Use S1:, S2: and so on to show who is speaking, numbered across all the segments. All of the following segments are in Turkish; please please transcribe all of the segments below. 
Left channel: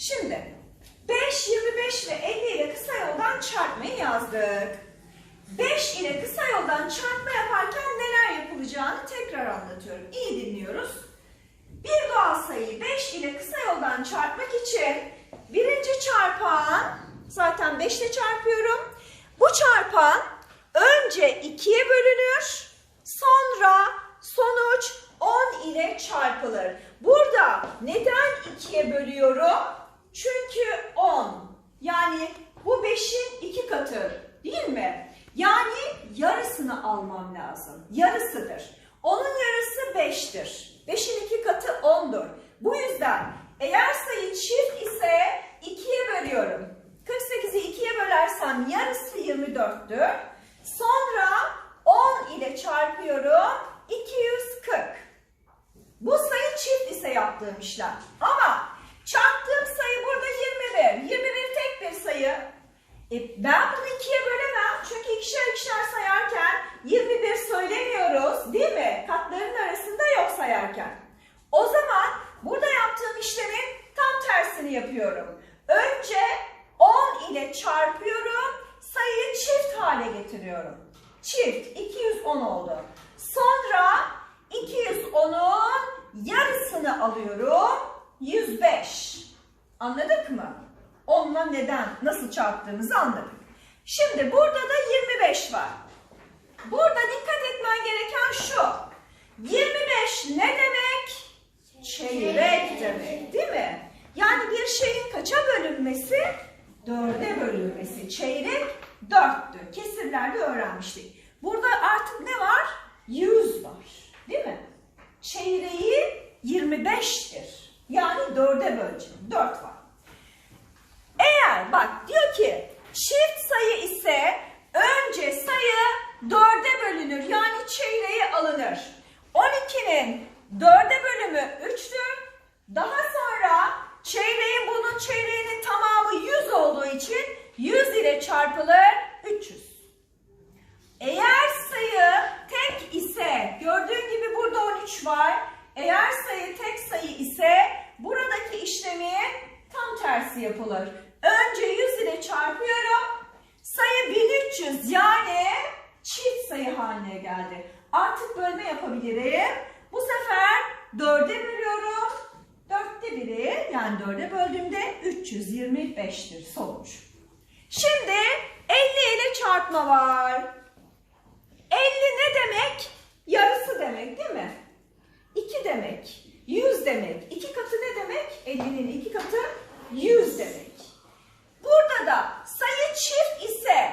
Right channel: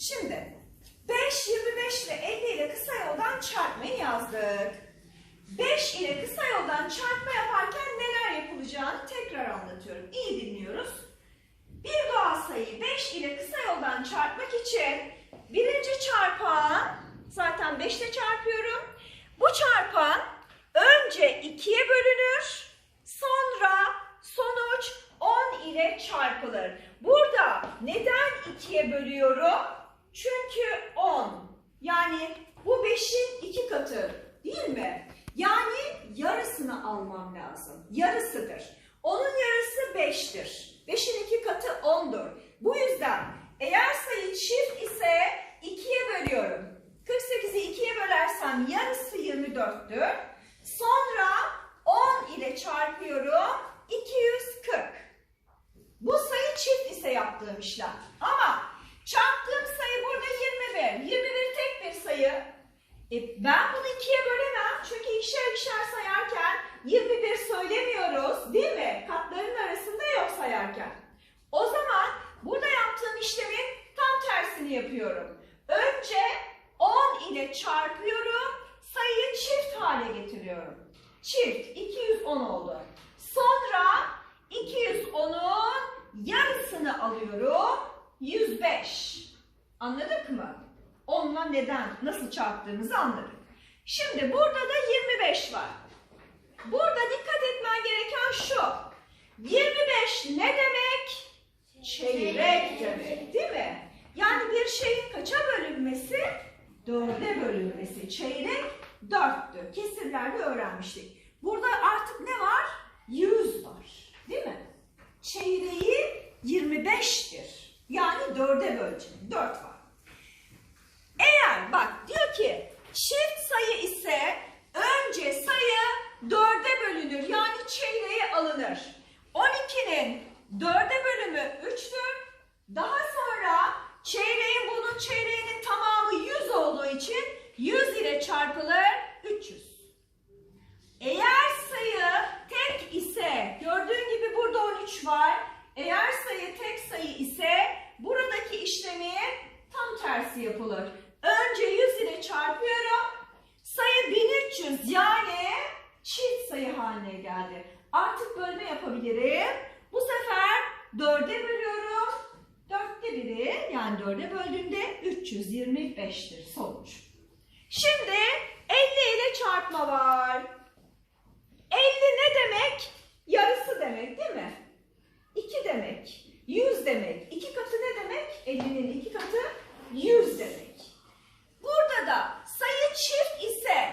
S1: Şimdi 5, 25 ve 50 ile kısa yoldan çarpmayı yazdık. 5 ile kısa yoldan çarpma yaparken neler yapılacağını tekrar anlatıyorum. İyi dinliyoruz. Bir doğal sayıyı 5 ile kısa yoldan çarpmak için birinci çarpan zaten 5 ile çarpıyorum. Bu çarpan önce 2'ye bölünür. Sonra sonuç 10 ile çarpılır. Burada neden 2'ye bölüyorum? Çünkü 10. Yani bu 5'in 2 katı değil mi? Yani yarısını almam lazım. Yarısıdır. Onun yarısı 5'tir. 5'in 2 katı 10'dur. Bu yüzden eğer sayı çift ise 2'ye bölüyorum. 48'i 2'ye bölersem yarısı 24'tür. Sonra 10 ile çarpıyorum. 240. Bu sayı çift ise yaptığım işlem. Ama çarptığım sayı burada 21. 21 tek bir sayı. E, ben bunu ikiye bölemem. Çünkü ikişer ikişer sayarken 21 söylemiyoruz değil mi? Katların arasında yok sayarken. O zaman burada yaptığım işlemin tam tersini yapıyorum. Önce 10 ile çarpıyorum. Sayıyı çift hale getiriyorum. Çift 210 oldu. Sonra 210'un yarısını alıyorum. 105. Anladık mı? Onunla neden, nasıl çarptığımızı anladık. Şimdi burada da 25 var. Burada dikkat etmen gereken şu. 25 ne demek? Çeyrek demek değil mi? Yani bir şeyin kaça bölünmesi? Dörde bölünmesi. Çeyrek dörttü. Kesirlerde öğrenmiştik. Burada artık ne var? 100 var. Değil mi? Çeyreği 25'tir. Yani dörde böleceğim. 4 var. Bak diyor ki çift sayı ise önce sayı dörde bölünür. Yani çeyreğe alınır. 12'nin dörde bölümü 3'tür. Daha sonra çeyreğin bunun çeyreğinin tamamı 100 olduğu için 100 ile çarpılır 300. Eğer sayı tek ise gördüğün gibi burada 13 var. Eğer sayı tek sayı ise buradaki işlemin tam tersi yapılır. Önce 100 ile çarpıyorum. Sayı 1300 yani çift sayı haline geldi. Artık bölme yapabilirim. Bu sefer 4'e bölüyorum. 4'te biri yani 4'e böldüğümde 325'tir sonuç. Şimdi 50 ile çarpma var. 50 ne demek? Yarısı demek değil mi? 2 demek. 100 demek. 2 katı ne demek? 50'nin 2 katı 100 demek. Burada da sayı çift ise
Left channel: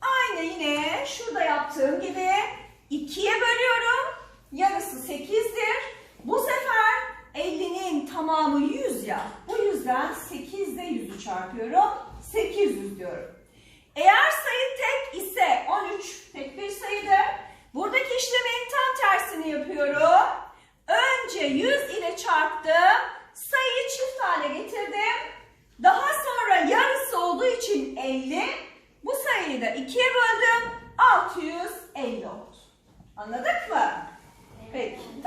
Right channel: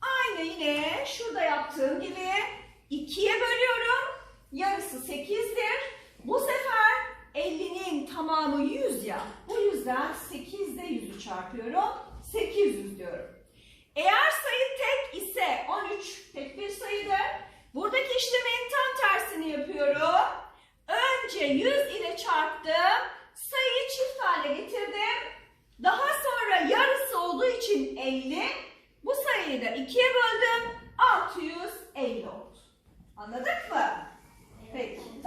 S1: aynı yine şurada yaptığım gibi 2'ye bölüyorum. Yarısı 8'dir. Bu sefer 50'nin tamamı 100 ya. Bu yüzden 8 ile 100'ü çarpıyorum. 800 diyorum. Eğer sayı tek ise 13 tek bir sayıdır. Buradaki işlemin tam tersini yapıyorum. Önce 100 ile çarptım. Sayıyı çift hale getirdim. Daha sonra yarısı olduğu için 50. Bu sayıyı da 2'ye böldüm. 650 oldu. Anladık mı? Peki.